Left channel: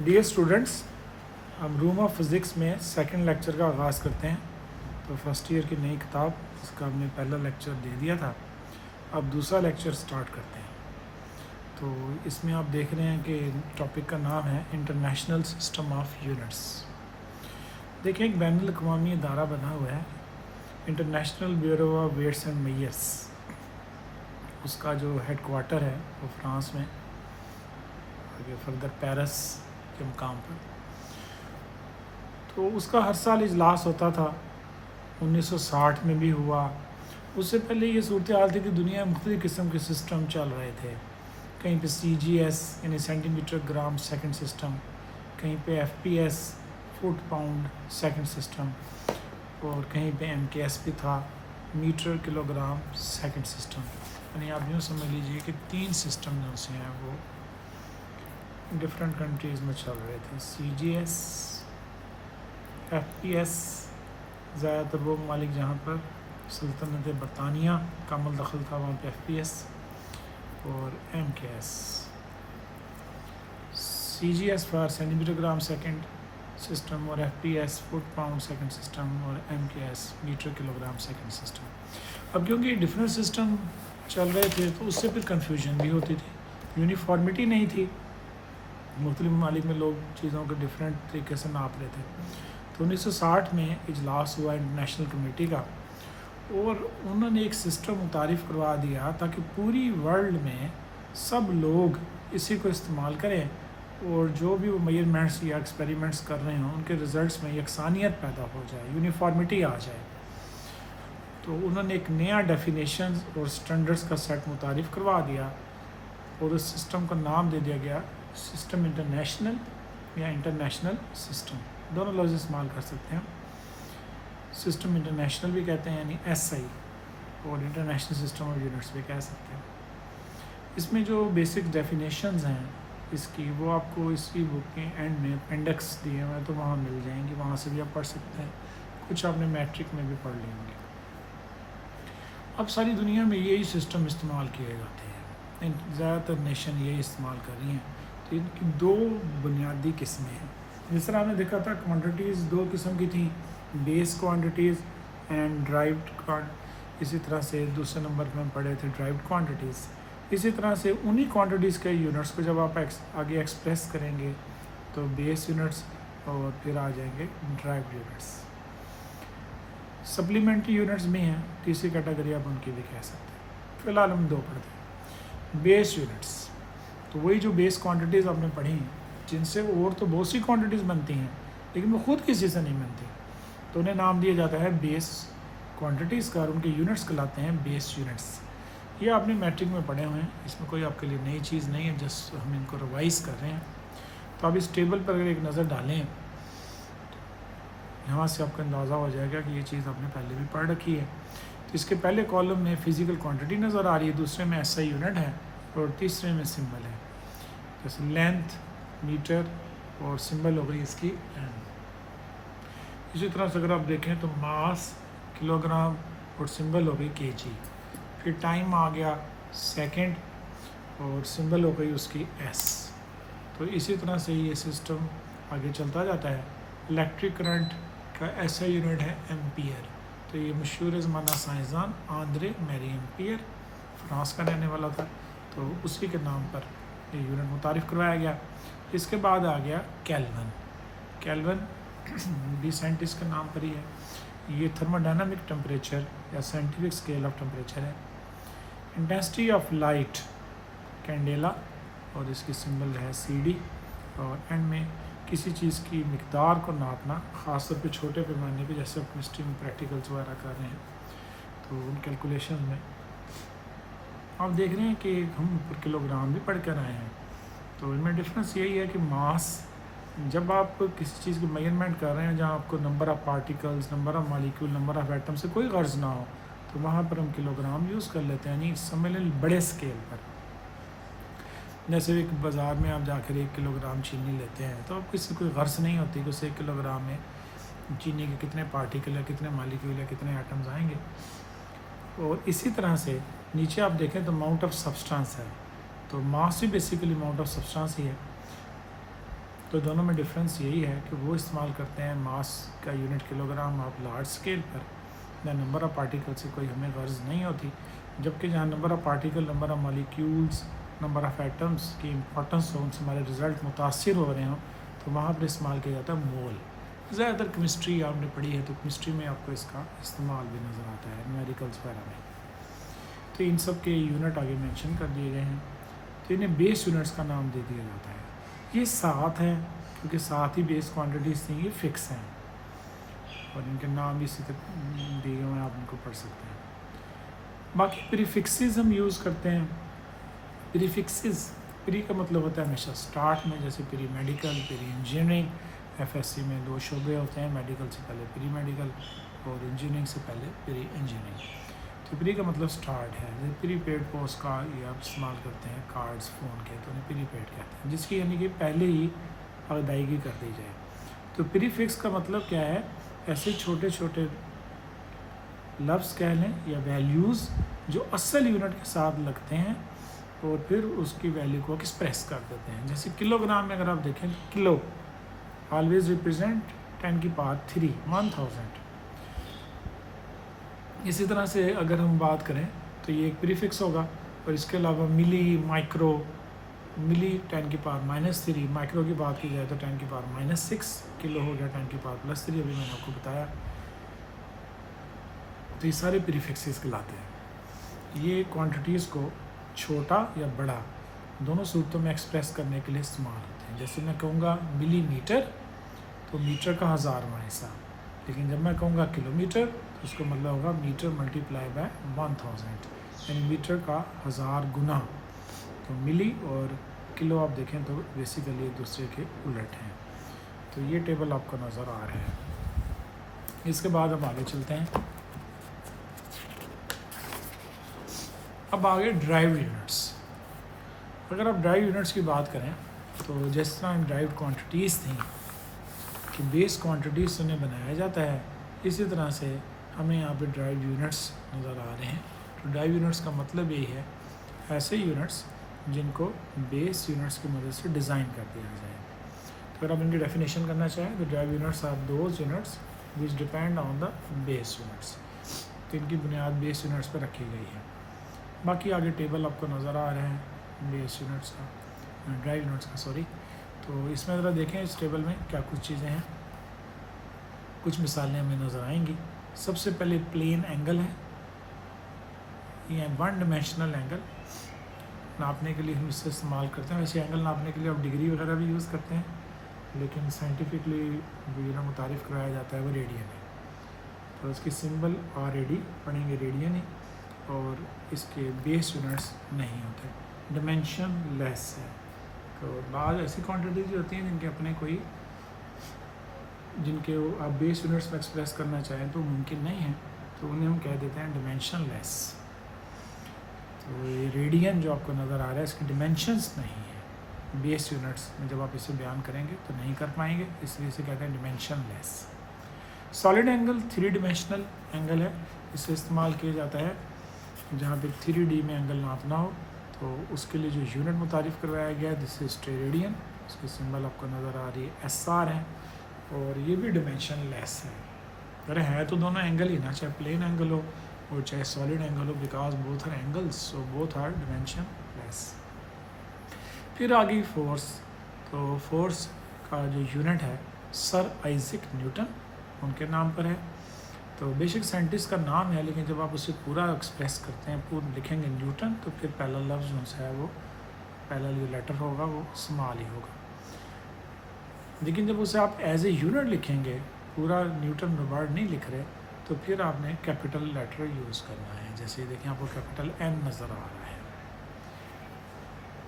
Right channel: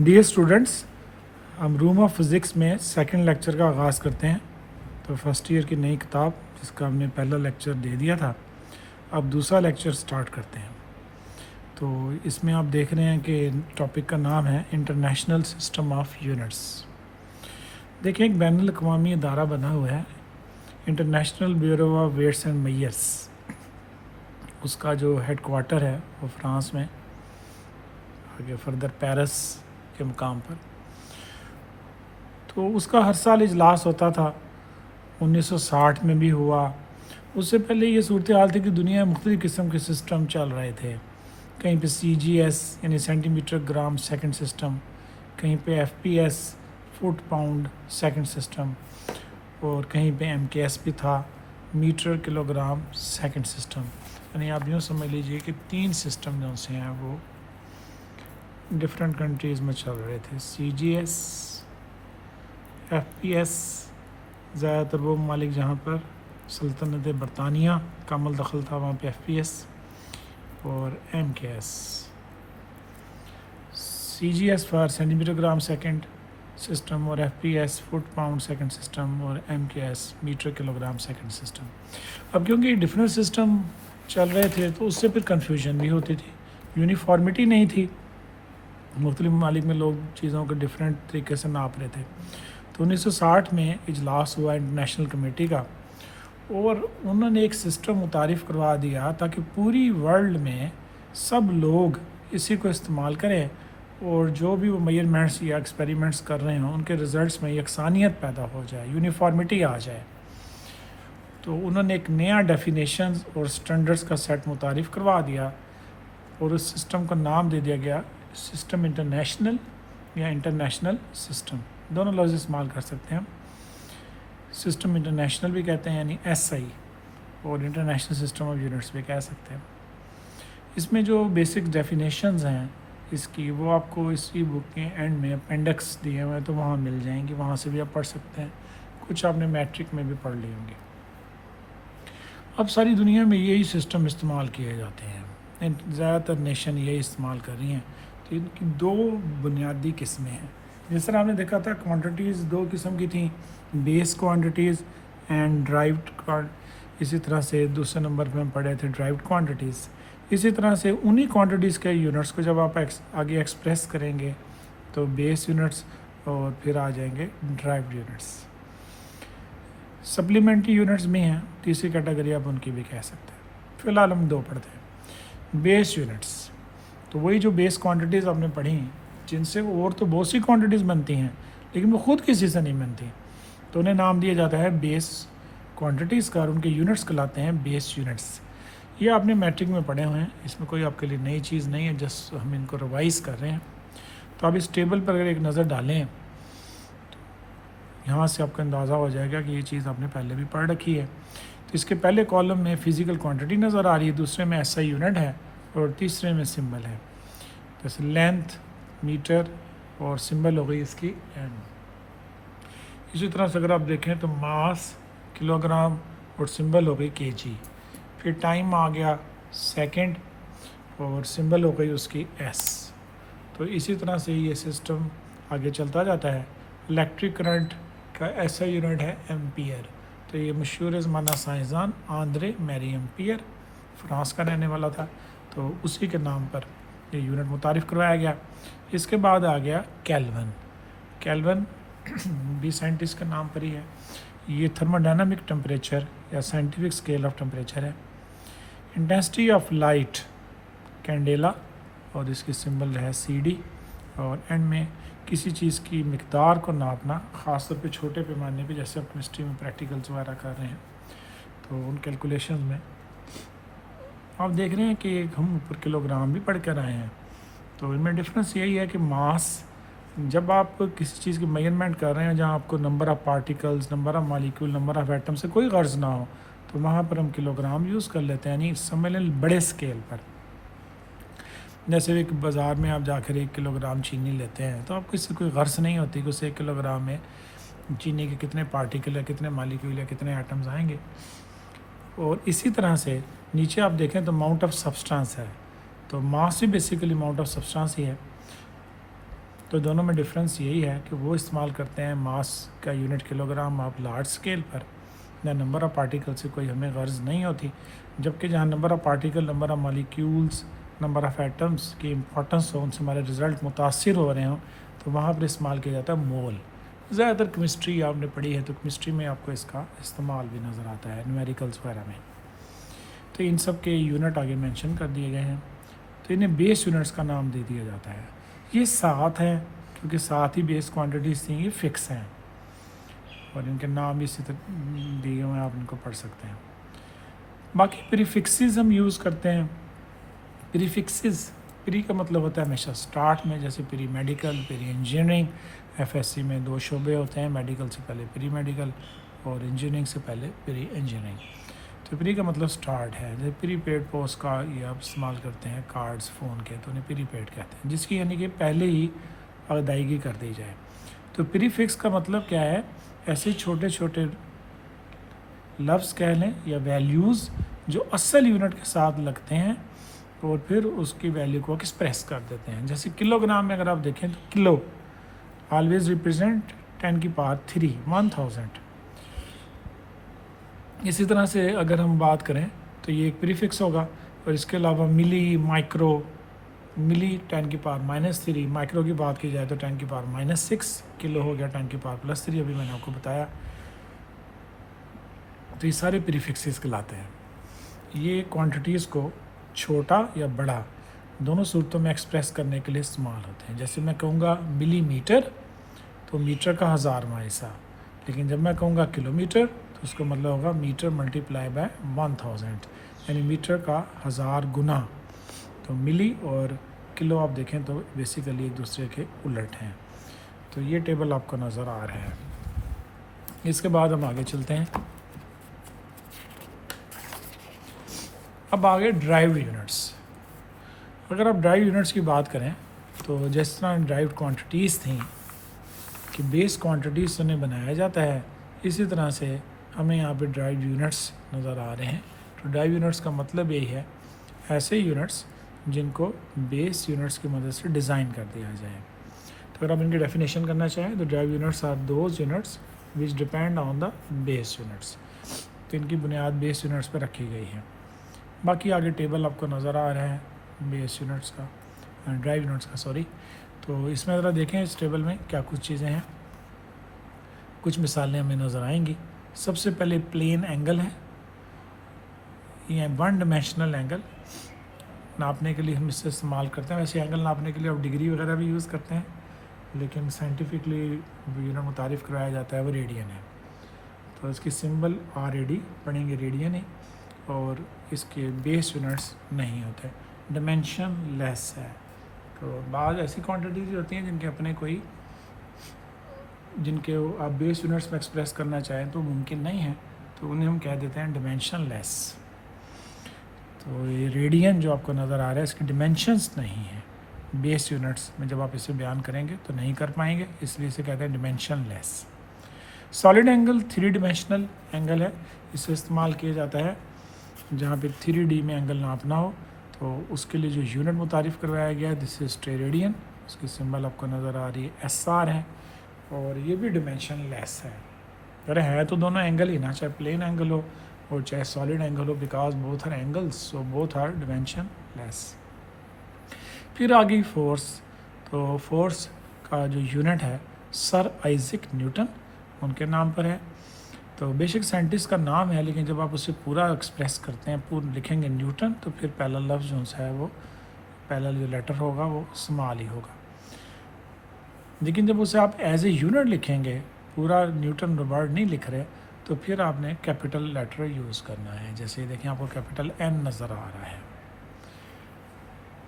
Dear students, हम room of physics में second lecture का आगाज़ करते हैं। तो फर्स्ट ईयर की नई किताब जिसका हमने पहला लेक्चर दे दिया था, अब दूसरा लेक्चर स्टार्ट करते हैं। तो इसमें आप देख रहे हैं कि टॉपिक का नाम है इंटरनेशनल सिस्टम ऑफ यूनिट्स। देखिए, एक बैनुल अक़वामी इदारा बना हुआ है, international bureau of weights and measures. उसका जो हेड क्वार्टर है वो फ्रांस में, आगे फर्दर पेरिस के मुकाम पर। तो उसका हर साल इजलास होता था, 1960 में भी हुआ। उससे पहले ये सूरत हाल थी कि दुनिया में मुख्तलिफ़ किस्म के सिस्टम चल रहे थे। कहीं पे CGS यानी सेंटीमीटर ग्राम सेकंड सिस्टम, कहीं पे FPS foot pound second system, और कहीं पे MKS भी था, मीटर किलोग्राम सेकंड सिस्टम। यानी आप यूँ समझ लीजिए कि 3 सिस्टम जो से हैं वो डिफरेंट कंट्रीज़ में चल रहे थे। CGS, FPS, ज़्यादातर वो ममालिक जहाँ पर सल्तनत बरतानिया का अमल दखल था वहाँ पे FPS, और MKS। CGS for centimetre gram second system, और FPS foot pound second system, और MKS metre kilogram second system. अब क्योंकि डिफरेंट सिस्टम चल रहे थे तो उससे फिर कन्फ्यूजन भी होती थी, यूनिफॉर्मिटी नहीं थी। मुख्तलिफ ममालिक में लोग चीज़ों को डिफरेंट तरीके से नाप रहे थे। तो 1960 में इजलास हुआ इंटरनेशनल कमेटी का, और उन्होंने एक सिस्टम मुतारिफ़ करवा दिया ताकि पूरी वर्ल्ड में सब लोग इसी को इस्तेमाल करें, और जो भी वो मेजरमेंट्स या एक्सपेरिमेंट्स कर रहे हों उनके रिज़ल्ट्स में यकसानियत पैदा हो जाए, यूनिफॉर्मिटी आ जाए। तो उन्होंने एक नया डेफिनेशन और स्टैंडर्ड्स का सेट मुतारिफ़ करवा दिया, और उस सिस्टम का नाम दे दिया गया सिस्टम इंटरनेशनल या इंटरनेशनल सिस्टम। दोनों लफ्ज़ इस्तेमाल कर सकते हैं। सिस्टम इंटरनेशनल भी कहते हैं यानी SI, और इंटरनेशनल सिस्टम ऑफ यूनिट्स भी कह सकते हैं। इसमें जो बेसिक डेफिनेशंस हैं इसकी, वो आपको इसी बुक के एंड में अपेंडिक्स दिए हुए तो वहाँ मिल जाएंगी, वहाँ से भी आप पढ़ सकते हैं। कुछ आपने मैट्रिक में भी पढ़ लेंगे। अब सारी दुनिया में यही सिस्टम इस्तेमाल किए जाते हैं, ज़्यादातर नेशन यही इस्तेमाल कर रही हैं। तो इनकी दो बुनियादी किस्में हैं। जिस तरह आपने देखा था क्वांटिटीज़ दो किस्म की थी, बेस क्वांटिटीज़ एंड ड्राइव्ड। इसी तरह से दूसरे नंबर पे हम पढ़े थे ड्राइव्ड क्वांटिटीज़। इसी तरह से उन्हीं क्वांटिटीज़ के यूनिट्स को जब आप आगे एक्सप्रेस करेंगे तो बेस यूनिट्स, और फिर आ जाएंगे ड्राइव्ड यूनिट्स। सप्लीमेंट्री यूनिट्स भी हैं, तीसरी कैटेगरी आप उनकी भी कह सकते हैं। फ़िलहाल हम दो पढ़ते हैं। बेस यूनिट्स, तो वही जो बेस क्वांटिटीज़ आपने पढ़ी, जिनसे और तो बहुत सी क्वांटिटीज़ बनती हैं लेकिन वो ख़ुद किसी से नहीं बनती, तो उन्हें नाम दिया जाता है बेस क्वांटिटीज़ का, और उनके यूनिट्स कहलाते हैं बेस यूनिट्स। ये आपने मैट्रिक में पढ़े हुए हैं, इसमें कोई आपके लिए नई चीज़ नहीं है, जस्ट हम इनको रिवाइज़ कर रहे हैं। तो आप इस टेबल पर अगर एक नज़र डालें तो यहाँ से आपको अंदाज़ा हो जाएगा कि ये चीज़ आपने पहले भी पढ़ रखी है। तो इसके पहले कॉलम में फ़िज़िकल क्वांटिटी नज़र आ रही है, दूसरे में SI यूनिट है, और तीसरे में सिंबल है। जैसे लेंथ मीटर, और सिंबल हो गई इसकी M। इसी तरह से अगर आप देखें तो मास किलोग्राम, और सिंबल हो गई kg। फिर टाइम आ गया सेकंड, और सिंबल हो गई उसकी S। तो इसी तरह से ये सिस्टम आगे चलता जाता है। इलेक्ट्रिक करंट का SI यूनिट है एम्पियर। तो ये मशहूर ज़माना साइंसदान आंद्रे मैरी एम्पियर, फ्रांस का रहने वाला था, तो उसी के नाम पर ये यूनिट मुतारिफ़ करवाया गया। इसके बाद आ गया केल्विन। केल्विन भी साइंटिस्ट का नाम पर ही है। ये थर्मोडायनामिक टेम्परेचर या साइंटिफिक स्केल ऑफ टेम्परेचर है। इंटेंसिटी ऑफ लाइट कैंडेला, और इसकी सिंबल है CD। और एंड में किसी चीज़ की मिकदार को नापना, ख़ासतौर पे छोटे पैमाने पे, जैसे आप केमिस्ट्री में प्रैक्टिकल्स वगैरह कर रहे हैं तो उन कैलकुलेशन में आप देख रहे हैं कि हम ऊपर किलोग्राम भी पढ़ कर आए हैं। तो इनमें डिफरेंस यही है कि मास, जब आप किसी चीज़ की मेजरमेंट कर रहे हैं जहाँ आपको number of particles, number of molecule, number of atom से कोई गर्ज ना हो, तो वहाँ पर हम किलोग्राम यूज़ कर लेते हैं, नहीं समझ लें बड़े स्केल पर। जैसे एक बाज़ार में आप जाकर 1 किलोग्राम चीनी लेते हैं तो आपको इससे कोई गर्ज नहीं होती कि उस 1 किलोग्राम में चीनी के कितने पार्टिकल या कितने मॉलिक्यूल या कितने एटम्स आएंगे। और इसी तरह से नीचे आप देखें तो अमाउंट ऑफ सब्सटेंस है, तो मास भी बेसिकली अमाउंट ऑफ सब्सटेंस ही है। तो दोनों में डिफरेंस यही है कि वो इस्तेमाल करते हैं मास का unit kilogram of large scale पर, या नंबर ऑफ़ पार्टिकल से कोई हमें गर्ज नहीं होती, जबकि जहाँ number of particle, number of molecules, number of atoms की इंपॉर्टेंस हो, उनसे हमारे रिज़ल्ट मुतासिर हो रहे हों, तो वहाँ पर इस्तेमाल किया जाता है मोल। ज़्यादातर केमिस्ट्री आपने पढ़ी है तो केमिस्ट्री में आपको इसका इस्तेमाल भी नज़र आता है न्यूमेरिकल्स वगैरह में। तो इन सब के यूनिट आगे मेंशन कर दिए गए हैं। तो इन्हें बेस यूनिट्स का नाम दे दिया जाता है। ये 7 हैं क्योंकि 7 ही बेस क्वांटिटीज़ थी, ये फिक्स हैं और इनके नाम भी इसी तरह दिए हुए हैं, आप इनको पढ़ सकते हैं। बाकी प्रीफिक्सेस हम यूज़ करते हैं। प्रीफिक्सेस, प्री का मतलब होता है हमेशा स्टार्ट में, जैसे pre medical, pre engineering. FSc में 2 शोबे होते हैं, मेडिकल से पहले प्री मेडिकल और इंजीनियरिंग से पहले प्री इंजीनियरिंग। तो प्री का मतलब स्टार्ट है। जैसे प्री पेड पोस्ट का ये आप इस्तेमाल करते हैं कार्ड्स फ़ोन के, तो उन्हें प्री पेड कहते हैं, जिसकी यानी कि पहले ही अदायगी कर दी जाए। तो प्रीफिक्स का मतलब क्या है, ऐसे छोटे छोटे लफ्ज़ कह लें या वैल्यूज़ जो असल यूनिट के साथ लगते हैं और फिर उसकी वैल्यू को एक्सप्रेस कर देते हैं। जैसे किलोग्राम में अगर आप देखें तो किलो ऑलवेज रिप्रेजेंट 10 की पावर 3 1000। इसी तरह से अगर हम बात करें तो ये एक प्रीफिक्स होगा। और इसके अलावा मिली, माइक्रो, मिली 10 की पावर -3, माइक्रो की बात की जाए तो 10 की पावर -6, किलो हो गया 10 की पावर +3, अभी मैंने आपको बताया। तो ये सारे प्रीफिक्सेस कहलाते हैं। ये क्वांटिटीज़ को छोटा या बड़ा दोनों सूरतों में एक्सप्रेस करने के लिए इस्तेमाल होते हैं। जैसे मैं कहूँगा मिलीमीटर, तो मीटर का 1000वां हिस्सा, लेकिन जब मैं कहूँगा किलोमीटर तो उसका मतलब होगा मीटर मल्टीप्लाई बाय 1000, यानी मीटर का 1000 गुना। तो मिली और किलो आप देखें तो बेसिकली एक दूसरे के उलट हैं। तो ये टेबल आपको नज़र आ रहे हैं। इसके बाद हम आगे चलते हैं। अब आगे ड्राइव यूनिट्स। अगर आप ड्राइव यूनिट्स की बात करें तो जिस तरह ड्राइव क्वांटिटीज़ थी कि बेस क्वांटिटीज़ से उन्हें बनाया जाता है, इसी तरह से हमें यहाँ पे ड्राइव यूनिट्स नज़र आ रहे हैं। तो ड्राइव यूनिट्स का मतलब यही है, ऐसे यूनिट्स जिनको बेस यूनिट्स की मदद से डिज़ाइन कर दिया जाए। तो अगर आप इनकी डेफिनेशन करना चाहें तो derived units are those units which depend on the base units. तो इनकी बुनियाद बेस यूनिट्स पर रखी गई है। बाकी आगे टेबल आपको नज़र आ रहा है बेस यूनिट्स का, ड्राइव यूनिट्स का सॉरी। तो इसमें ज़रा देखें इस टेबल में क्या कुछ चीज़ें हैं, कुछ मिसालें हमें नज़र आएंगी। सबसे पहले प्लेन एंगल है, ये 1 डायमेंशनल एंगल नापने के लिए हम इससे इस्तेमाल करते हैं। वैसे एंगल नापने के लिए आप डिग्री वगैरह भी यूज़ करते हैं, लेकिन साइंटिफिकली मुतारिफ़ कराया जाता है वो रेडियन है। तो इसकी सिंबल RAD पढ़ेंगे, रेडियन ही, और इसके बेस यूनिट्स नहीं होते, डायमेंशन लेस है। तो बाद ऐसी क्वांटिटीज होती हैं जिनके आप बेस यूनिट्स में एक्सप्रेस करना चाहें तो मुमकिन नहीं है, तो उन्हें हम कह देते हैं डिमेंशन लेस। तो ये रेडियन जो आपको नज़र आ रहा है इसकी डिमेंशंस नहीं है, बेस यूनिट्स में जब आप इसे बयान करेंगे तो नहीं कर पाएंगे, इसलिए इसे कहते हैं dimension less. Solid angle 3 dimensional angle है, इसे इस्तेमाल किया जाता है जहाँ पे 3D में एंगल नापना हो, तो उसके लिए जो यूनिट मुतारिफ़ करवाया गया है दिस इज़ टेरेडियन। उसकी सिंबल आपको नज़र आ रही है SR है, और ये भी डिमेंशन लेस है। अरे है तो दोनों एंगल ही ना, चाहे प्लेन एंगल हो और चाहे सॉलिड एंगल हो, because both are angles, so both are dimensionless. फिर आ गई फोर्स। तो फोर्स का जो यूनिट है सर आइजैक न्यूटन, उनके नाम पर है। तो बेशक साइंटिस्ट का नाम है, लेकिन जब आप उसे पूरा एक्सप्रेस करते हैं, पूरा लिखेंगे न्यूटन, तो फिर पहला लफ्ज़ उनसे है वो, पहला जो लेटर होगा वो स्मॉल ही होगा। लेकिन जब उसे आप एज ए यूनिट लिखेंगे, पूरा न्यूटन वर्ड नहीं लिख रहे, तो फिर आपने कैपिटल लेटर यूज़ करना है। जैसे देखें आपको कैपिटल M नज़र आ रहा है।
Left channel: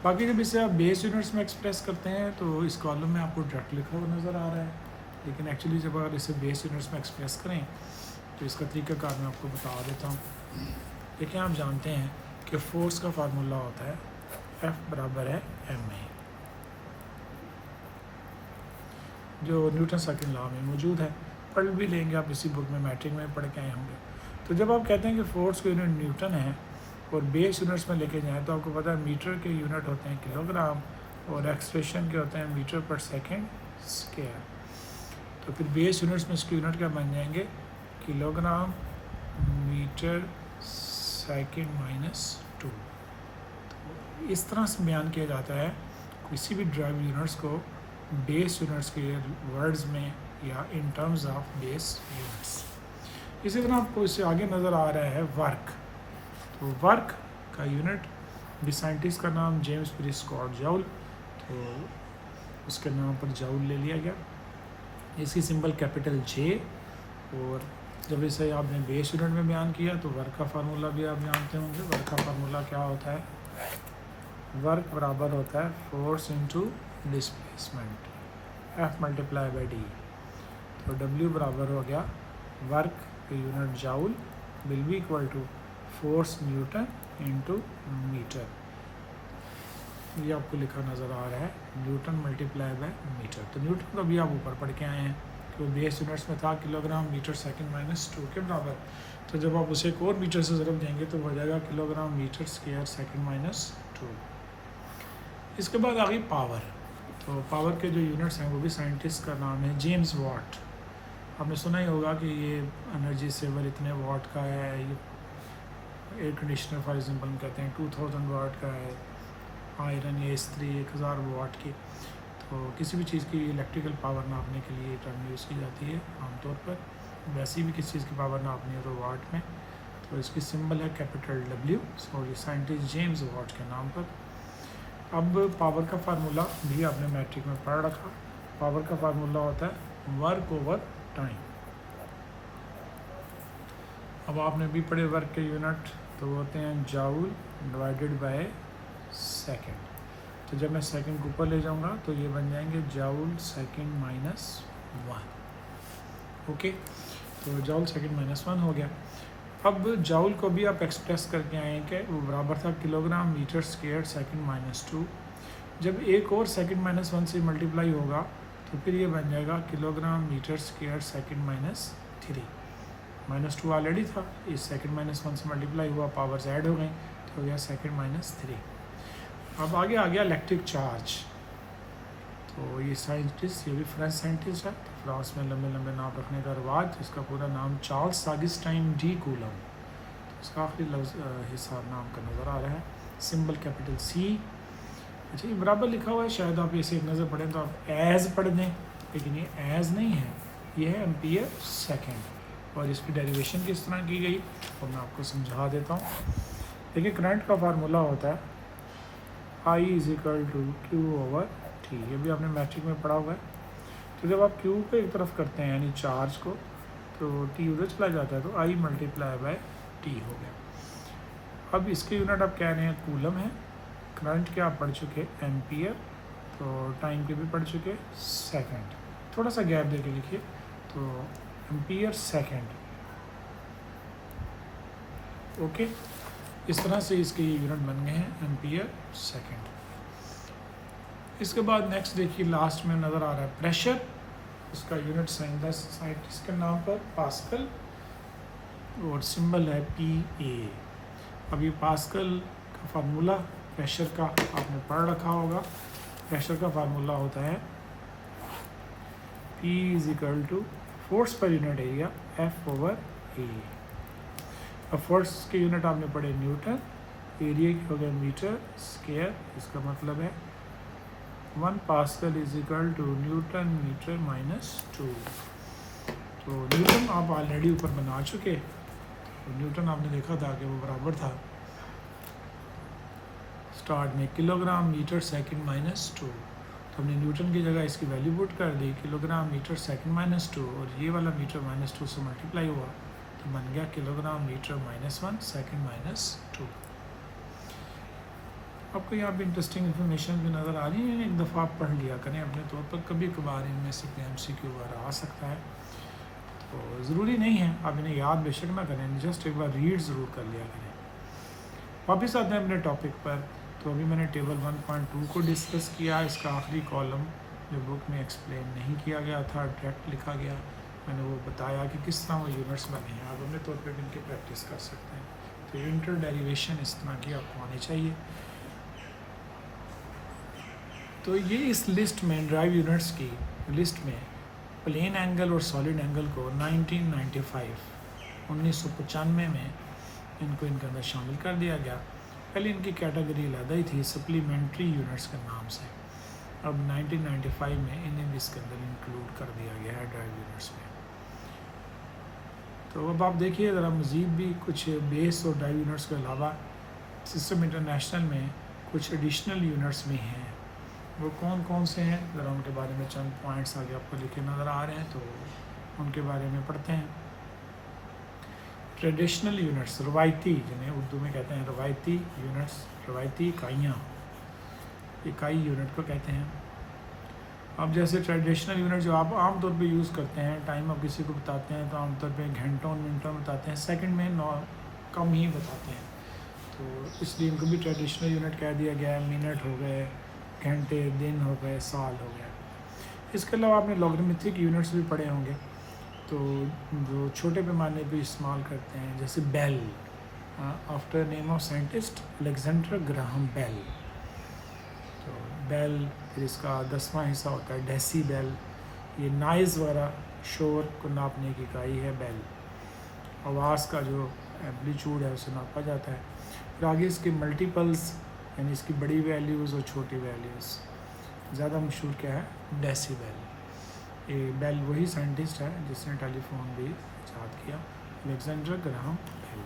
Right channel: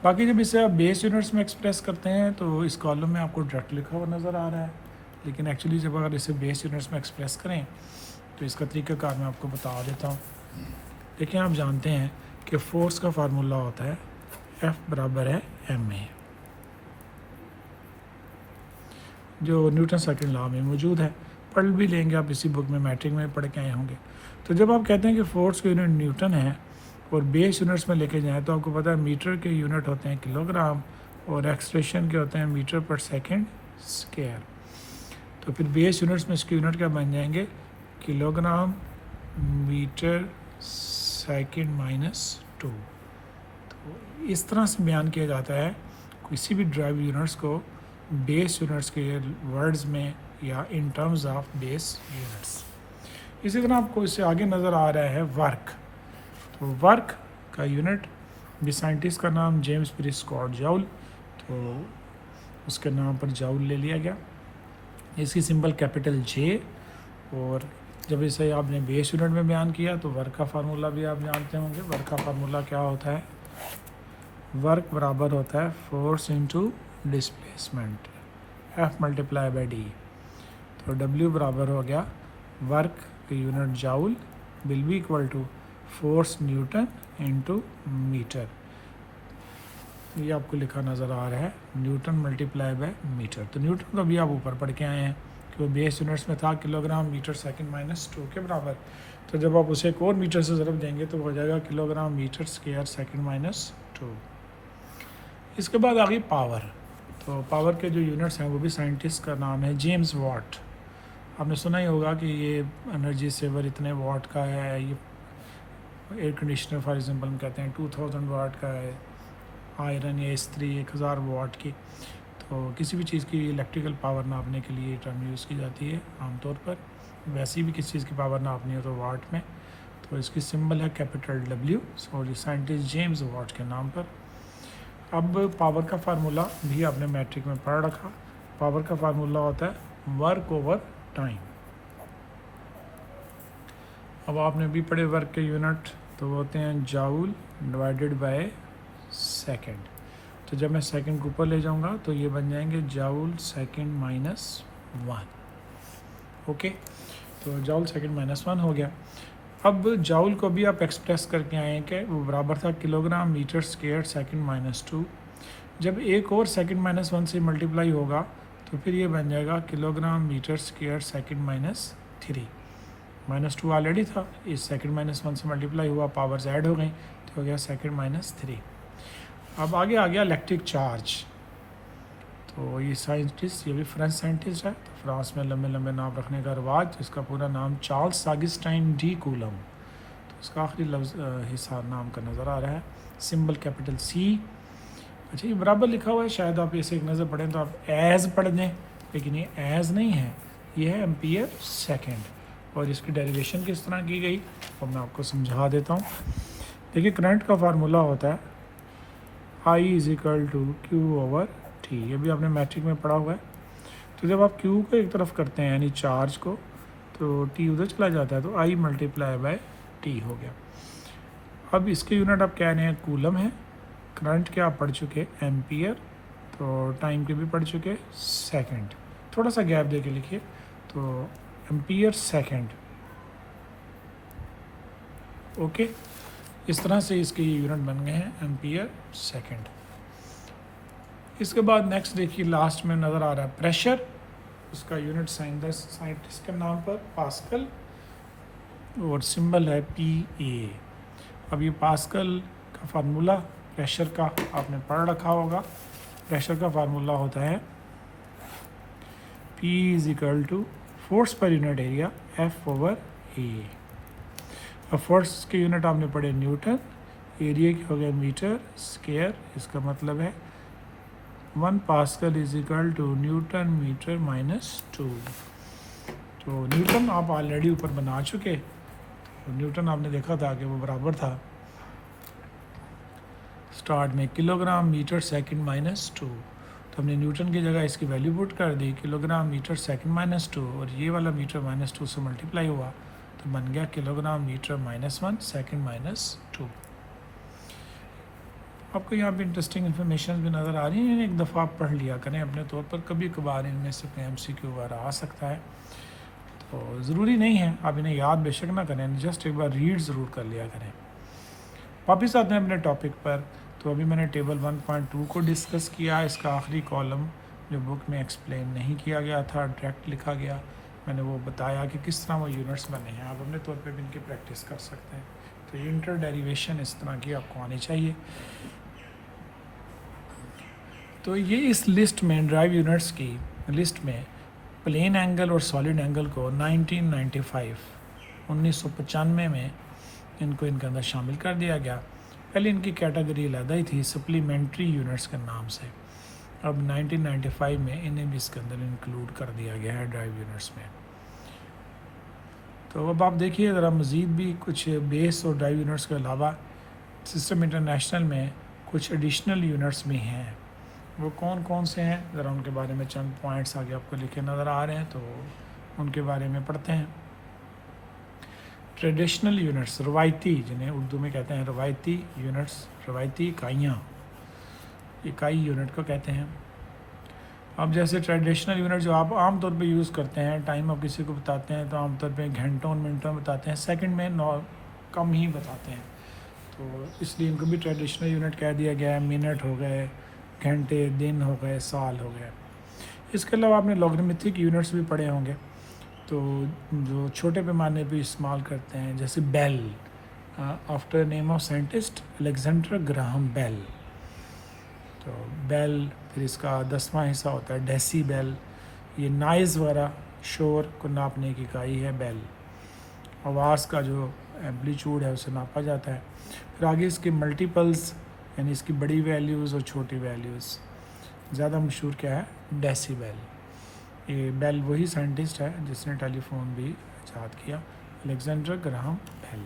बाकी जब इसे आप बेस यूनिट्स में एक्सप्रेस करते हैं तो इस कॉलम में आपको डायरेक्ट लिखा हुआ नज़र आ रहा है, लेकिन एक्चुअली जब अगर इसे बेस यूनिट्स में एक्सप्रेस करें तो इसका तरीक़ाकार मैं आपको बता देता हूँ। देखिए आप जानते हैं कि फोर्स का फार्मूला होता है F बराबर है ma, जो न्यूटन सेकंड लॉ में मौजूद है। पढ़ भी लेंगे आप, इसी बुक में मैट्रिक में पढ़ के आए होंगे। तो जब आप कहते हैं कि फोर्स का यूनिट न्यूटन है और बेस यूनिट्स में लेके जाएँ, तो आपको पता है मीटर के यूनिट होते हैं किलोग्राम और एक्सप्रेशन क्या होता है मीटर पर सेकंड स्क्वायर। तो फिर बेस यूनिट्स में इसके यूनिट क्या बन जाएंगे किलोग्राम मीटर सेकंड माइनस 2। तो इस तरह से बयान किया जाता है किसी भी ड्राइव यूनिट्स को बेस यूनिट्स के वर्ड्स में या in terms of base units. इसी तरह आपको इससे आगे नज़र आ रहा है वर्क। तो वर्क का यूनिट भी साइंटिस्ट का नाम जेम्स पीरी स्कॉट जाउल, तो उसके नाम पर जाउल ले लिया गया। इसकी सिंबल कैपिटल जे, और जब इसे आपने बेस यूनिट में बयान किया तो वर्क का फार्मूला भी आप जानते होंगे। वर्क का फार्मूला क्या होता है, वर्क बराबर होता है force into displacement F multiply by D. तो W बराबर हो गया वर्क की unit joule will be equal to force newton into metre. ये आपको लिखा नज़र आ रहा है न्यूटन मल्टीप्लाई बाय मीटर। तो न्यूटन का भी आप ऊपर पढ़ के आए हैं कि वो बेस यूनिट्स में था किलोग्राम मीटर सेकंड माइनस 2 के बराबर। तो जब आप उसे एक और मीटर से ज़रूर देंगे तो हो जाएगा kilogram metre square second minus 2। इसके बाद आ गई पावर। तो पावर के जो यूनिट्स हैं वो भी साइंटिस्ट का नाम है जेम्स वाट। आपने सुना ही होगा कि ये एनर्जी सेवर इतने वाट का है। ये एयर कंडीशनर फॉर एग्जांपल कहते हैं 2000 वाट का है। आयरन या इस्त्री 1000 वाट की। तो किसी भी चीज़ की इलेक्ट्रिकल पावर नापने के लिए टर्म यूज़ की जाती है आमतौर पर। वैसे भी किसी चीज़ की पावर नापनी है तो वाट में। तो इसकी सिंबल है capital W, sorry scientist James Watt के नाम पर। अब पावर का फार्मूला भी आपने मैट्रिक में पढ़ रखा। पावर का फार्मूला होता है वर्क ओवर टाइम। अब आपने भी पढ़े वर्क के यूनिट तो होते हैं जाउल डिवाइडेड बाय सेकंड। तो जब मैं सेकंड को ऊपर ले जाऊंगा तो ये बन जाएंगे जाउल सेकंड माइनस 1। ओके, तो जाउल सेकंड माइनस 1 हो गया। अब जाउल को भी आप एक्सप्रेस करके आए हैं कि वो बराबर था kilogram metre square second minus 2। जब एक और सेकंड माइनस 1 से मल्टीप्लाई होगा तो फिर ये बन जाएगा kilogram metre square second minus 3। Minus 2 already था, इस सेकंड माइनस 1 से मल्टीप्लाई हुआ, पावर्स ऐड हो गई तो हो गया सेकंड माइनस 3। अब आगे आ गया इलेक्ट्रिक चार्ज। तो ये साइंटिस्ट, ये भी फ्रेंच साइंटिस्ट है। तो फ्रांस में लंबे लंबे नाम रखने का रिवाज, इसका पूरा नाम चार्ल्स ऑगस्टाइन डी कूलम। तो इसका आखिरी लफ्ज़ हिस्सा नाम का नज़र आ रहा है, सिंबल कैपिटल C। अच्छा, ये बराबर लिखा हुआ है, शायद आप इसे एक नज़र पढ़ें तो आप एज पढ़ दें, लेकिन ये एज नहीं है, ये है एम्पियर सेकेंड। और इसकी डेरिवेशन किस तरह की गई तो मैं आपको समझा देता हूँ। देखिए, करंट का फार्मूला होता है I equal to Q over T. ये भी आपने मैट्रिक में पढ़ा हुआ है। तो जब आप क्यू को एक तरफ करते हैं यानी चार्ज को, तो टी उधर चला जाता है, तो I मल्टीप्लाई बाय टी हो गया। अब इसके यूनिट आप कह रहे हैं कूलम है। करंट के आप पढ़ चुके एम्पियर, तो टाइम के भी पढ़ चुके सेकंड। थोड़ा सा गैप दे के लिखिए, तो एम्पियर सेकंड। ओके, इस तरह से इसके यूनिट बन गए हैं एम्पियर सेकंड। इसके बाद नेक्स्ट देखिए, लास्ट में नज़र आ रहा है प्रेशर। इसका यूनिट साइंटिस्ट के नाम पर पास्कल, और सिंबल है PA। अब ये पास्कल का फार्मूला प्रेशर का आपने पढ़ रखा होगा। प्रेशर का फार्मूला होता है P equal to force per unit area F over A। अब फोर्स के यूनिट आपने पढ़े न्यूटन, एरिया की हो गया मीटर स्क्वायर। इसका मतलब है 1 pascal equal to newton metre minus 2। तो न्यूटन आप ऑलरेडी ऊपर बना चुके। तो न्यूटन आपने देखा था कि वो बराबर था स्टार्ट में किलोग्राम मीटर सेकंड माइनस 2। तो हमने न्यूटन की जगह इसकी वैल्यू पुट कर दी किलोग्राम मीटर सेकंड माइनस 2, और ये वाला मीटर माइनस 2 से मल्टीप्लाई हुआ तो बन गया kilogram metre minus 1 second minus 2। आपको यहाँ पे इंटरेस्टिंग इन्फॉर्मेशन भी नज़र आ रही है, एक दफ़ा आप पढ़ लिया करें अपने तौर पर। कभी कभार इनमें से कोई MCQ वगैरह आ सकता है, तो ज़रूरी नहीं है आप इन्हें याद बेशक ना करें, जस्ट एक बार रीड ज़रूर कर लिया करें। वापस आते हैं अपने टॉपिक पर। तो अभी मैंने टेबल 1.2 को डिस्कस किया। इसका आखिरी कॉलम जो बुक में एक्सप्लेन नहीं किया गया था, डायरेक्ट लिखा गया, मैंने वो बताया कि किस तरह वो यूनिट्स लगे हैं। आप अपने तौर पर भी इनकी प्रैक्टिस कर सकते हैं। तो इंटर डेरिवेशन इस तरह की आपको आनी चाहिए। तो ये इस लिस्ट में ड्राइव यूनिट्स की लिस्ट में प्लेन एंगल और सॉलिड एंगल को 1995 में इनको इनके अंदर शामिल कर दिया गया। पहले इनकी कैटेगरी अलग ही थी सप्लीमेंट्री यूनिट्स के नाम से। अब 1995 में इन्हें इसके अंदर इंक्लूड कर दिया गया है ड्राइव यूनिट्स में। तो अब आप देखिए ज़रा मज़ीद भी कुछ बेस और ड्राइव यूनिट्स के अलावा सिस्टम इंटरनेशनल में कुछ एडिशनल यूनिट्स भी हैं। वो कौन कौन से हैं ज़रा उनके बारे में चंद पॉइंट्स आगे आपको लिखे नज़र आ रहे हैं, तो उनके बारे में पढ़ते हैं। ट्रेडिशनल यूनिट्स, रवायती, जिन्हें उर्दू में कहते हैं रवायती यूनिट्स, रवायती इकाइयाँ, इकाई यूनिट को कहते हैं। अब जैसे ट्रेडिशनल यूनिट जो आप आम तौर पे यूज़ करते हैं, टाइम आप किसी को बताते हैं तो आमतौर पे घंटों मिनटों में बताते हैं, सेकंड में कम ही बताते हैं, तो इसलिए इनको भी ट्रेडिशनल यूनिट कह दिया गया है। मिनट हो गए, घंटे, दिन हो गए, साल हो गए। इसके अलावा आपने लॉगरिथमिक यूनिट्स भी पढ़े होंगे, तो जो छोटे पैमाने पे इस्तेमाल करते हैं, जैसे bel, after name of scientist Alexander Graham Bell. तो बेल, फिर इसका 10वां हिस्सा होता है डेसीबेल, ये नॉइज़ वगैरह शोर को नापने की इकाई है बेल। आवाज़ का जो एम्पलीट्यूड है उसे नापा जाता है। फिर आगे इसके मल्टीपल्स, यानी इसकी बड़ी वैल्यूज़ और छोटी वैल्यूज़। ज़्यादा मशहूर क्या है, डेसीबेल। ये बेल वही साइंटिस्ट है जिसने टेलीफोन भी इजाद किया, अलेक्जेंडर ग्राहम बेल।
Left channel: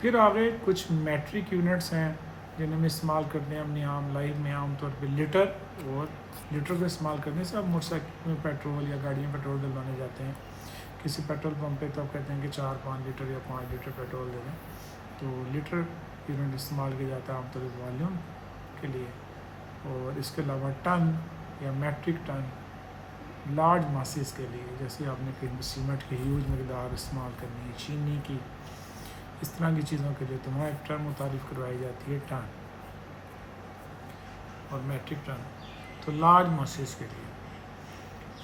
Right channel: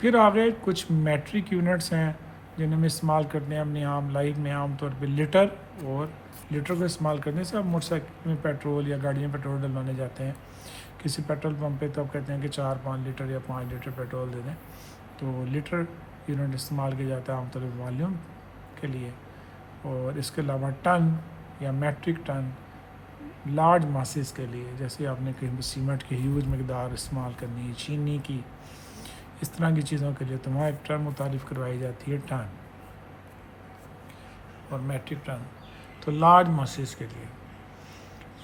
फिर आगे कुछ मैट्रिक यूनिट्स हैं जिन्हें हम इस्तेमाल करते हैं अपनी आम लाइफ में। आमतौर पे लीटर, और लीटर को इस्तेमाल करने से आप मोटरसाइकिल में पेट्रोल या गाड़ी में पेट्रोल डलवाने जाते हैं किसी पेट्रोल पंप पे, तब कहते हैं कि 4-5 लीटर या 5 लीटर पेट्रोल दे दें, तो लीटर यूनिट इस्तेमाल किया जाता है आमतौर पर वॉल्यूम के लिए। और इसके अलावा टन या मैट्रिक टन लार्ज मासेस के लिए, जैसे आपने कहीं सीमेंट की ह्यूज मकदार इस्तेमाल करनी है, चीनी की, इस तरह की चीज़ों के लिए तो वहाँ एक टन मुतारिफ करवाई जाती है, टन और मैट्रिक टन, तो लार्ज मासेस के लिए।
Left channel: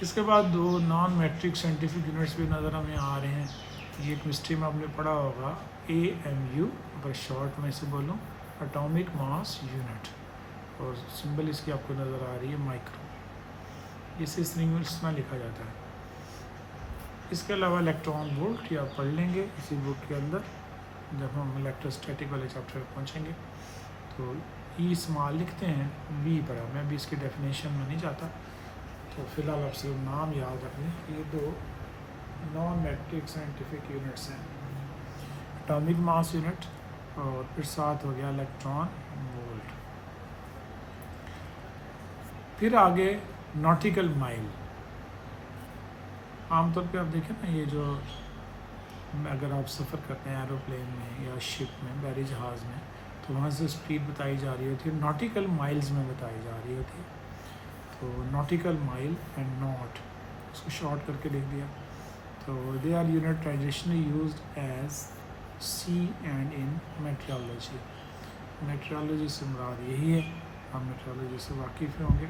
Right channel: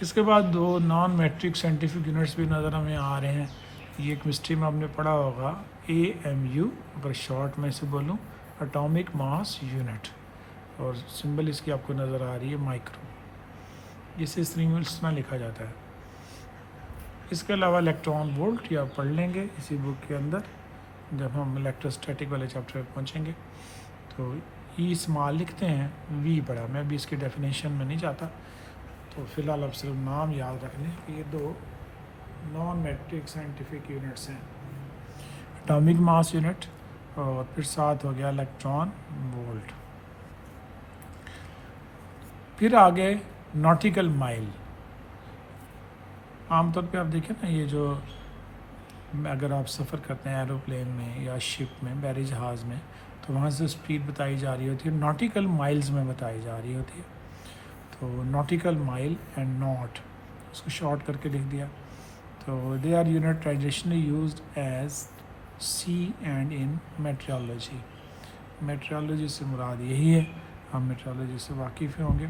इसके बाद दो नॉन मैट्रिक साइंटिफिक यूनिट्स भी नज़र हमें आ रहे हैं। ये केमिस्ट्री में हमने पढ़ा होगा, AMU, अगर शॉर्ट में इसे बोलूँ, एटॉमिक मास यूनिट, और सिंबल इसकी आपको नज़र आ रही है माइक्रो। इसे इस में लिखा जाता है। इसके अलावा इलेक्ट्रॉन वोल्ट, या पढ़ लेंगे इसी बुक के अंदर जब हम इलेक्ट्रोस्टैटिक वाले चैप्टर पर पहुँचेंगे। तो ई स्मॉल लिखते हैं, वी बड़ा। मैं भी इसकी डेफिनेशन में नहीं जाता, तो फिलहाल आप सिर्फ नाम याद रख लें कि ये दो नॉन मैट्रिक साइंटिफिक यूनिट्स हैं, एटॉमिक मास यूनिट और फिर साथ हो गया इलेक्ट्रॉन वोल्ट। फिर आगे नॉटिकल माइल। आमतौर पे आप देखें ना, ये जो अगर आप सफ़र करते हैं एरोप्लेन में या शिप में, बहरी जहाज़ में, तो वहाँ से स्पीड बताई जा रही होती है, नॉटिकल माइल्स में बताई जा रही होती है। तो नॉटिकल माइल एंड नॉट, उसको शॉर्ट करके लिख दिया। तो they are unit traditionally used as sea and in metrology. Metrology से मुराद यही है, हम मेट्रोलॉजी से वाकिफ़ होंगे,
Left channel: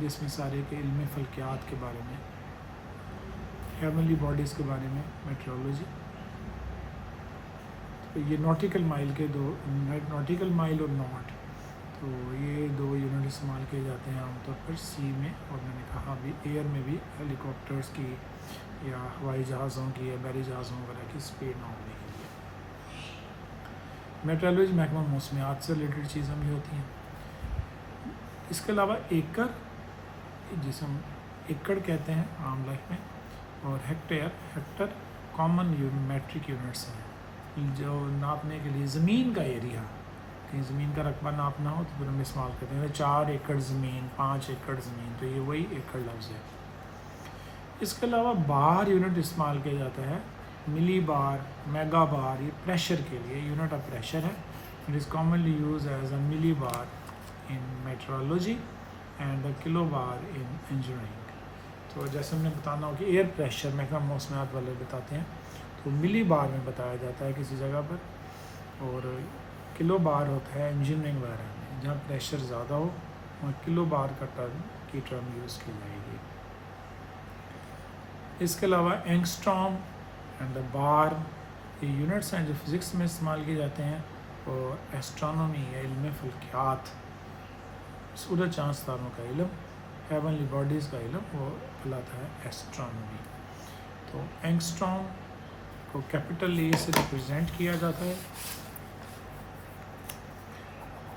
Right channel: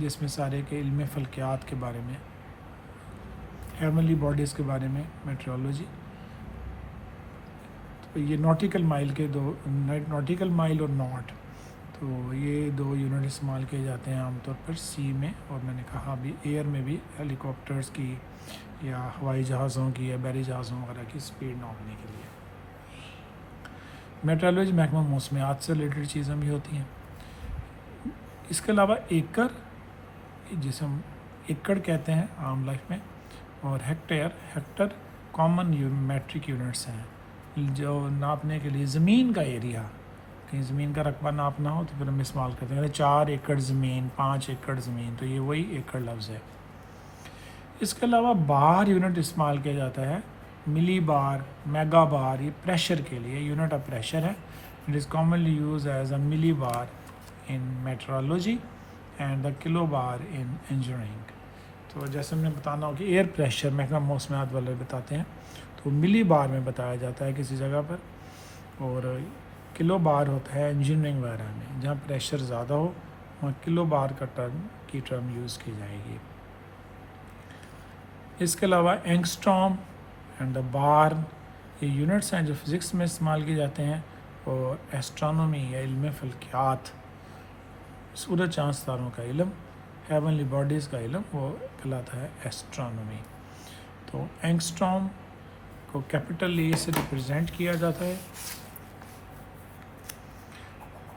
जिसमें सारे के इल्म फल्कियात के बारे में, हेवनली बॉडीज़ के बारे में मेट्रोलॉजी। तो ये नॉटिकल माइल के दो, नॉटिकल माइल और नॉट, तो ये दो यूनिट इस्तेमाल किए जाते हैं आमतौर पर सी में, और मैंने कहा अभी एयर में भी हेलीकॉप्टर्स की या हवाई जहाज़ों की या बहरी जहाज़ों वगैरह की स्पीड नापने के लिए। मेट्रोलॉजी महकमा मौसमियात से रिलेटेड चीज़ें भी होती हैं। इसके अलावा एकड़, जिसे हम एकड़ कहते हैं आम लाइफ में, और हेक्टर कॉमन मैट्रिक यूनिट्स हैं जो नापने के लिए ज़मीन का एरिया, कहीं ज़मीन का रकबा नापना हो तो फिर हम इस्तेमाल करते हैं 4 एकड़ ज़मीन, 5 एकड़ ज़मीन, तो ये वही एकड़ लफ्ज़ है। इसके अलावा बार यूनिट इस्तेमाल किया जाता है, मिली बार, मेगा बार, ये प्रेशर के लिए यूनिट ऑफ प्रेशर है। It is commonly use as a millibar in metrology and the kilobar in engineering. तो जैसे हमने बताना हो कि एयर प्रेशर महकमा मौसमियात वाले बताते हैं, तो मिली बार में बताया जाता है किसी जगह पर, और किलो बार होता है इंजीनियरिंग वगैरह में, जहाँ प्रेशर ज़्यादा हो वहाँ किलो बार का टर्म यूज़ की जाएगी। इसके अलावा एंगस्ट्रॉम एंड द बार, ये यूनिट्स हैं जो फिज़िक्स में इस्तेमाल किए जाते हैं, और एस्ट्रोनॉमी या इल्म फल्कियात, सूरज चाँद तारों का इल्म, हेवनली बॉडीज़ का इल्म, वो कहलाता है एस्ट्रोनॉमी। तो एंगस्ट्रॉम को कैपिटल ए से रिप्रेजेंट किया जाता है,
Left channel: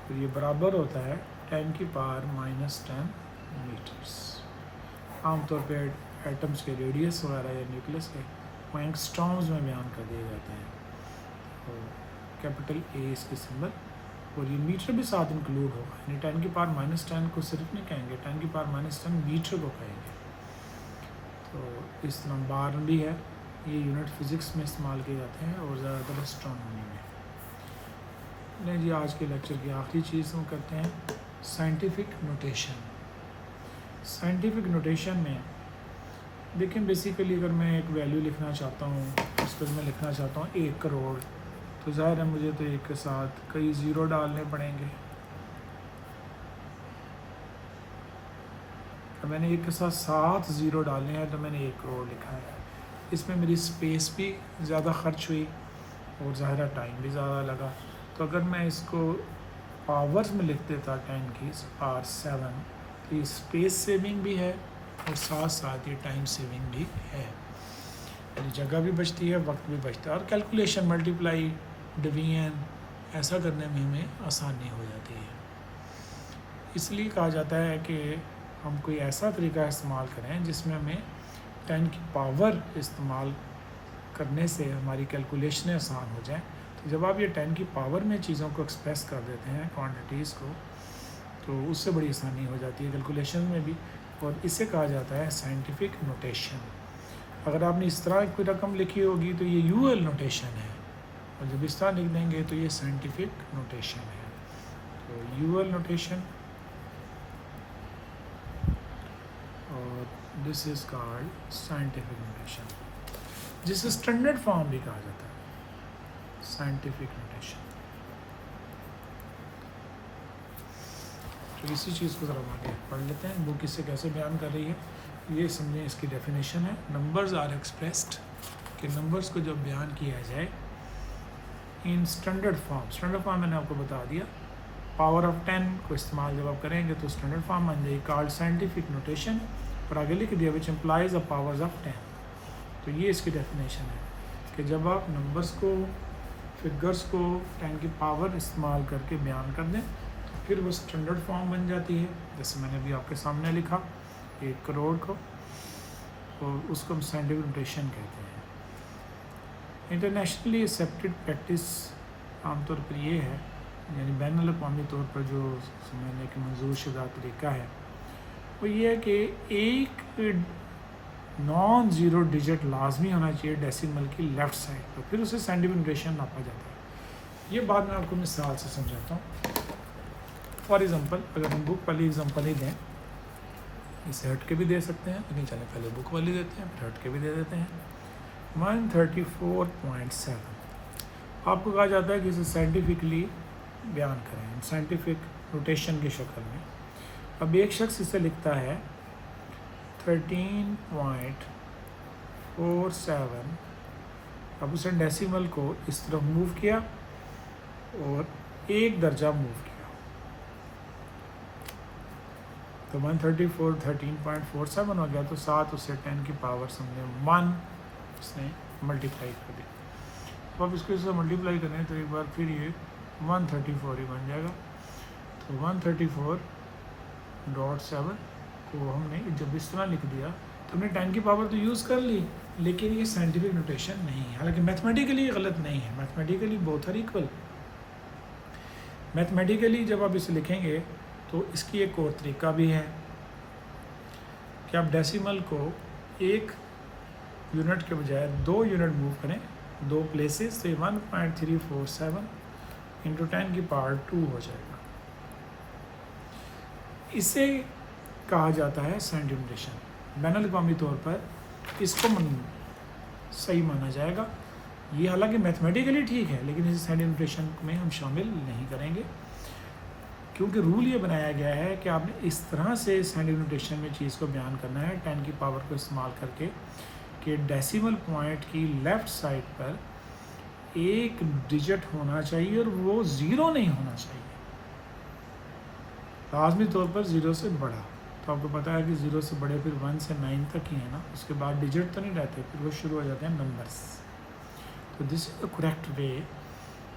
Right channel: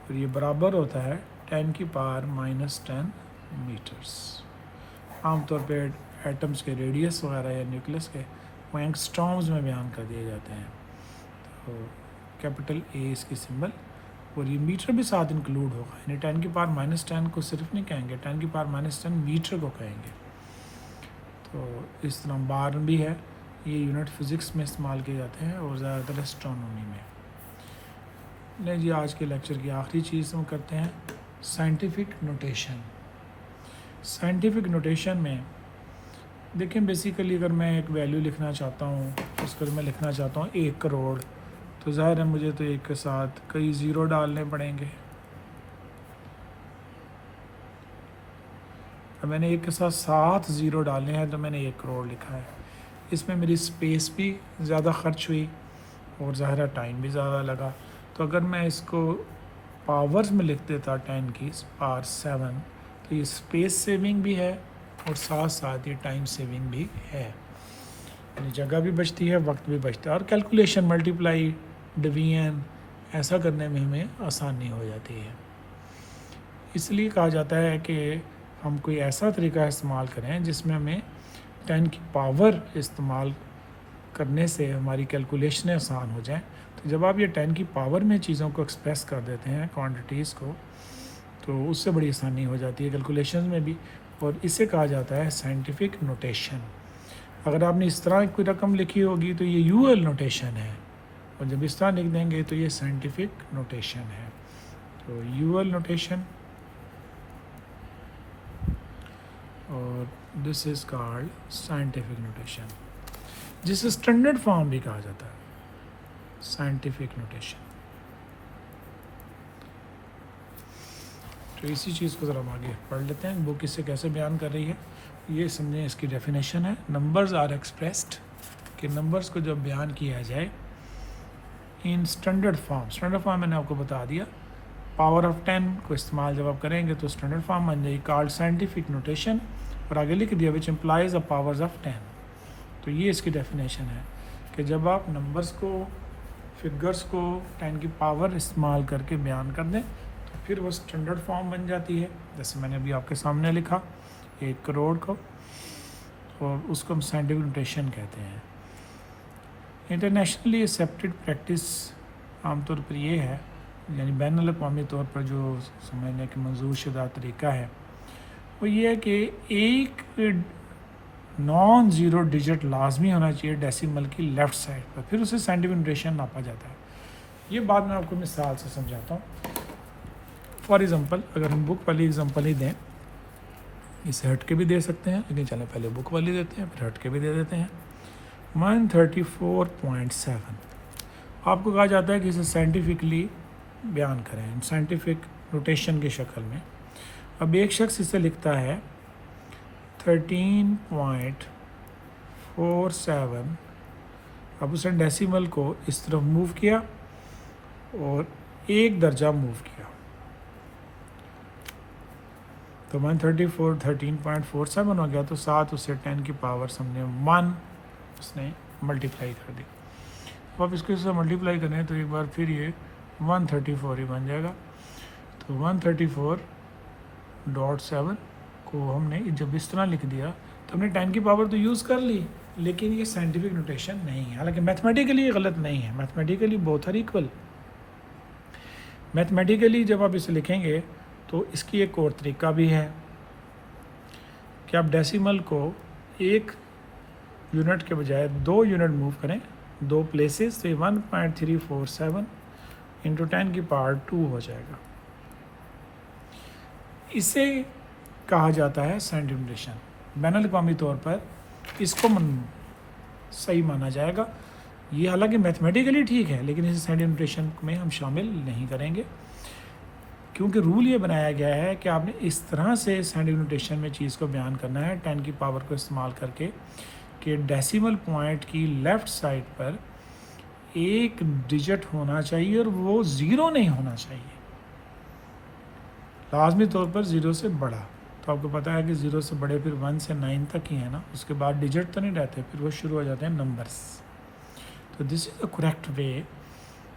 और ये बराबर होता है 10 की पावर -10 मीटर्स। आमतौर पर एटम्स के रेडियस वगैरह या न्यूक्लियस के वो एंगस्ट्रॉम्स में बयान कर दिए जाते हैं। तो कैपिटल ए इसकी सिंबल, और ये मीटर भी साथ इंक्लूड होगा, यानी 10 की पावर -10 को सिर्फ नहीं कहेंगे, 10 की पावर -10 मीटर को कहेंगे। तो इस तरह बार भी है, ये यूनिट फिज़िक्स में इस्तेमाल किए जाते हैं और ज़्यादातर एस्ट्रोनॉमी में। नहीं जी, आज के लेक्चर की आखिरी चीज़ हम करते हैं साइंटिफिक नोटेशन। साइंटिफिक नोटेशन में देखिए, बेसिकली अगर मैं एक वैल्यू लिखना चाहता हूँ, इस पर मैं लिखना चाहता हूँ 1 करोड़, तो ज़ाहिर है मुझे तो एक के साथ कई ज़ीरो डालने पड़ेंगे। तो मैंने एक के साथ 7 ज़ीरो डाले हैं, तो मैंने 1 करोड़ लिखा है। इसमें मेरी स्पेस भी ज़्यादा खर्च हुई और ज़ाहिर टाइम भी ज़्यादा लगा। तो अगर मैं इसको पावर्स में लिख देता 10 की पावर 7, तो ये स्पेस सेविंग भी है और साथ साथ ये टाइम सेविंग भी है, यानी जगह भी बचती है, वक्त भी बचता है, और कैलकुलेशन, मल्टीप्लाई, डिवीजन ऐसा करने में हमें आसानी हो जाती है। इसलिए कहा जाता है कि हम कोई ऐसा तरीका इस्तेमाल करें जिसमें हमें 10 की पावर इस्तेमाल करने से हमारी कैलकुलेशन आसान हो जाए। तो जब आप ये 10 की पावर में चीज़ों को एक्सप्रेस कर देते हैं, क्वांटिटीज़ को, तो उससे बड़ी आसानी हो जाती है कैलकुलेशन में भी, और इसे कहा जाता है साइंटिफिक नोटेशन। अगर आपने इस तरह कोई रकम लिखी होगी तो ये यूएल नोटेशन है, और जब इस तरह लिख देंगे तो ये साइंटिफिक नोटेशन है। तो यूएल नोटेशन, और this is called scientific notation, जिसे स्टैंडर्ड फॉर्म भी कहा जाता है, साइंटिफिक नोटेशन। तो इसी चीज़ को ज़रा आगे पढ़ लेते हैं, बुक इससे कैसे बयान कर रही है, ये समझें। इसकी डेफिनेशन है, नंबर्स आर एक्सप्रेस्ड, कि नंबर्स को जब बयान किया जाए in standard form. Standard form मैंने आपको बता दिया, पावर ऑफ 10 को इस्तेमाल जब आप करेंगे तो स्टैंडर्ड फॉर्म बन जाएगी, कॉल्ड साइंटिफिक नोटेशन, और आगे लिख दिया which implies the powers of 10। तो ये इसकी डेफिनेशन है कि जब आप नंबर्स को, फिगर्स को 10 की पावर इस्तेमाल करके बयान कर दें तो फिर वो स्टैंडर्ड फॉर्म बन जाती है। जैसे मैंने अभी आपके सामने लिखा 1 करोड़ को, और उसको हम साइंटिफिक नोटेशन कहते हैं। इंटरनेशनली एक्सेप्टेड प्रैक्टिस आमतौर पर ये है, यानी बैनुल अक़वामी तौर पर जो समझने के मंजूर शुदा तरीका है वो ये है कि एक नॉन ज़ीरो डिजिट लाजमी होना चाहिए डेसिमल की लेफ़्ट साइड पर, फिर उसे साइंटिफिक नोटेशन नापा जाता है। ये बात मैं आपको मिसाल से समझाता हूँ। फॉर एग्ज़ाम्पल, अगर हम बुक वाली एग्ज़ाम्पल ही दें, इसे हट के भी दे सकते हैं, लेकिन चले पहले बुक वाली देते हैं, फिर हट के भी दे देते हैं। 134.7 आपको कहा जाता है कि इसे साइंटिफिकली बयान करें, साइंटिफिक नोटेशन की शक्ल में। अब एक शख्स इसे लिखता है 13.47, अब उसने डेसिमल को इस तरफ मूव किया और एक दर्जा मूव किया, तो 134 13.47 हो गया, तो साथ उसे 10 की पावर समझे 1 उसने मल्टीप्लाई कर दिया। अब इसको इससे मल्टीप्लाई करें तो एक बार फिर ये 134 ही बन जाएगा। तो 134.7 को हमने जब इस तरह लिख दिया तो हमने 10 की पावर तो यूज़ कर ली, लेकिन ये साइंटिफिक नोटेशन नहीं है। हालांकि मैथमेटिकली ये गलत नहीं है, mathematically both are equal. Mathematically जब आप इसे लिखेंगे तो इसकी एक और तरीका भी है कि आप डेसिमल को एक यूनिट के बजाय 2 यूनिट मूव करें, 2 प्लेसेस से 1.347 इंटू 10 की पावर 2 हो जाएगा। इसे कहा जाता है साइंटिफिक नोटेशन। बैनुल अक़वामी तौर पर इसको सही माना जाएगा। ये हालांकि मैथमेटिकली ठीक है, लेकिन इसे साइंटिफिक नोटेशन में हम शामिल नहीं करेंगे, क्योंकि रूल ये बनाया गया है कि आपने इस तरह से साइंटिफिक नोटेशन में चीज़ को बयान करना है 10 की पावर को इस्तेमाल करके कि डेसिमल पॉइंट की लेफ़्ट साइड पर एक डिजिट होना चाहिए और वो ज़ीरो नहीं होना चाहिए, लाजमी तौर पर ज़ीरो से बड़ा। तो आपको पता है कि ज़ीरो से बड़े फिर 1 से 9 तक ही है ना, उसके बाद डिजिट तो नहीं रहते, फिर वो शुरू हो जाते हैं नंबर्स। तो this is the correct way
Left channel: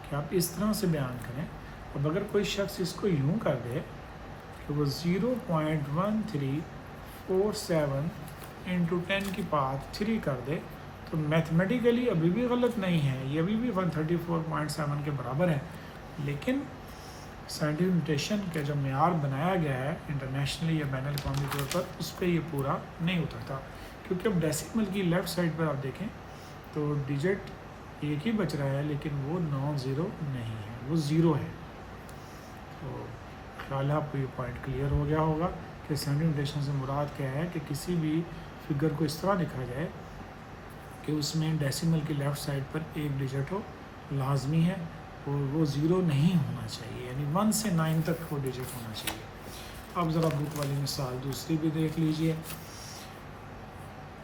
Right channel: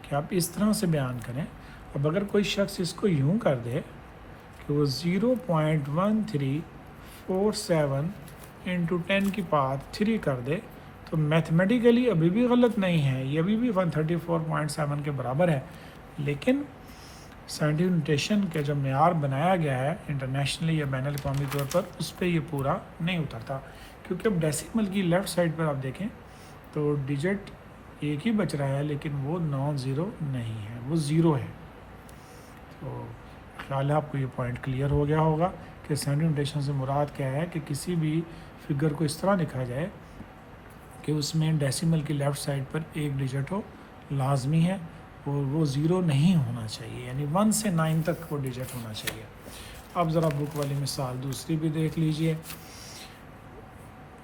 कि आप इस तरह से बयान करें। अब अगर कोई शख्स इसको यूँ कर दे कि वो 0.1347 इंटू 10 की पावर 3 कर दे, तो मैथमेटिकली अभी भी गलत नहीं है, ये अभी भी 134.7 के बराबर है। लेकिन साइंटिफिक नोटेशन के जो मेयार बनाया गया है इंटरनेशनली या बैन अवी तौर पर, उस पर ये पूरा नहीं उतरता, क्योंकि अब डेसिमल की लेफ़्ट साइड पर आप देखें तो डिजिट एक ही बच रहा है, लेकिन वो नॉन ज़ीरो नहीं है, वो ज़ीरो है। तो ख्याल है आपको ये पॉइंट क्लियर हो गया होगा कि साइंटिफिक नोटेशन से मुराद क्या है कि किसी भी फिगर को इस तरह लिखा जाए कि उसमें डेसिमल की लेफ़्ट साइड पर एक डिजिट हो, लाजमी है, और वो ज़ीरो नहीं होना चाहिए, यानी 1 से 9 तक वो डिजिट होना चाहिए। अब ज़रा बुक वाली मिसाल दूसरी भी देख लीजिए।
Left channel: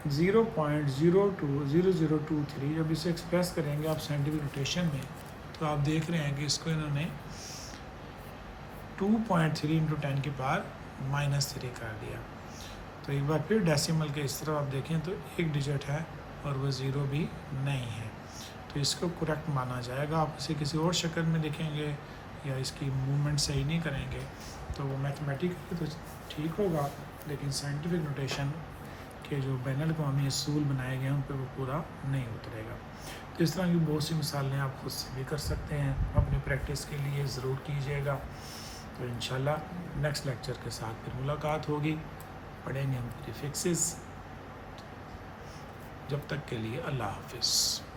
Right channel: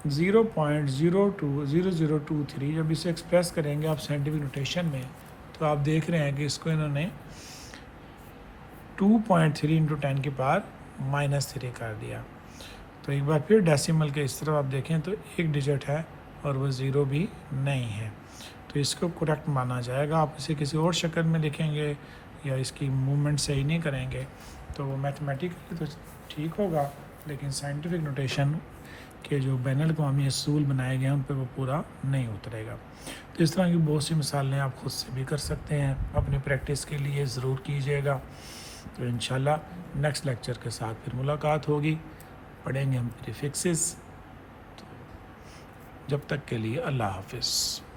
0.02023 जब इसे एक्सप्रेस करेंगे आप साइंटिफिक नोटेशन में, तो आप देख रहे हैं कि इसको इन्होंने 2.3 इंटू 10 की पावर -3 कर दिया। तो एक बार फिर डेसिमल के इस तरफ आप देखें तो एक डिजिट है और वो ज़ीरो भी नहीं है, तो इसको करेक्ट माना जाएगा। आप इसे किसी और शक्ल में लिखेंगे या इसकी मूवमेंट सही नहीं करेंगे तो मैथमेटिकली तो ठीक होगा, लेकिन साइंटिफिक नोटेशन के जो बैनुल अक़वामी असूल बनाए गए हैं उन पर वो पूरा नहीं उतरेगा। तो इस तरह की बहुत सी मिसालें आप खुद से भी कर सकते हैं, अपनी प्रैक्टिस के लिए ज़रूर कीजिएगा। तो इंशाल्लाह नेक्स्ट लेक्चर के साथ फिर मुलाकात होगी, पढ़ेंगे हम प्रीफिक्सेस। जब तक के लिए अल्लाह हाफ़िज़।